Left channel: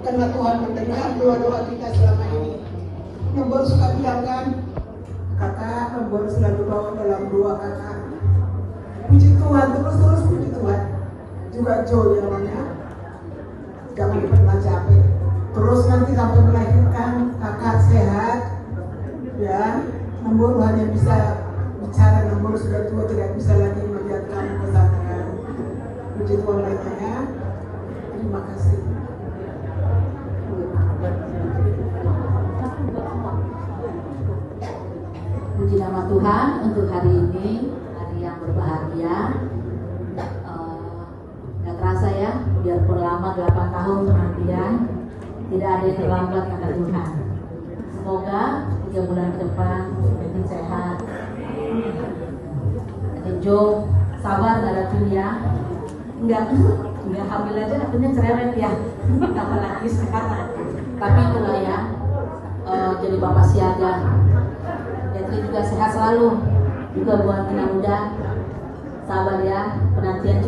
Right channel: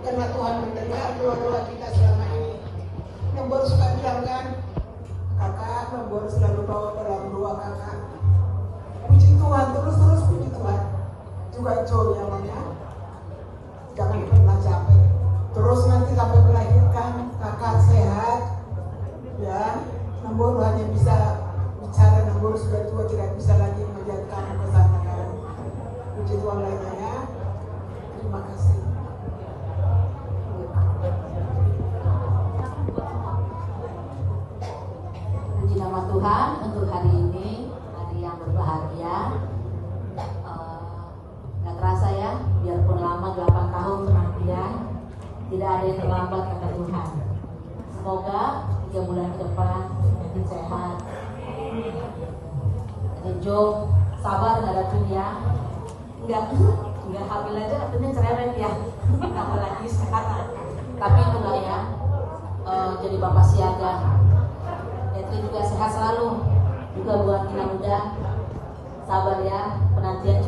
karena Tuhan mendengar doa-doa kita selama ini. Nombor suka bilang kan, kakak nombor selalu bawa dalam doa kakak. Puji Tuhan, terus puji Tuhan. Juga Joe yang mana, jangan pernah capek. Terus nanti sampai melahirkan kakak sehat, ya. Nombor hanya bisa bicara, nombor sudah tua tidak bisa lagi melihat kanan ke sana kan. Puji Tuhan namanya. Terima kasih. Puji nama Tuhan untuk hari ini, hari yang berbahagia. Gak kerasa ya, biarpun lama 8 tahun kemudian, tidak ada yang terlambat kata Tuhan. Semoga 3 bulan ke depan kita sehat. Dan Jo, sabar dalam dunia. Enggak hamil aja katanya cerewet ya, apalagi sekarang. Tapi itulah ya, jadi bapak siaga. Jadi juga sehat selalu. Juga buat anak muda, sabar ya, penantian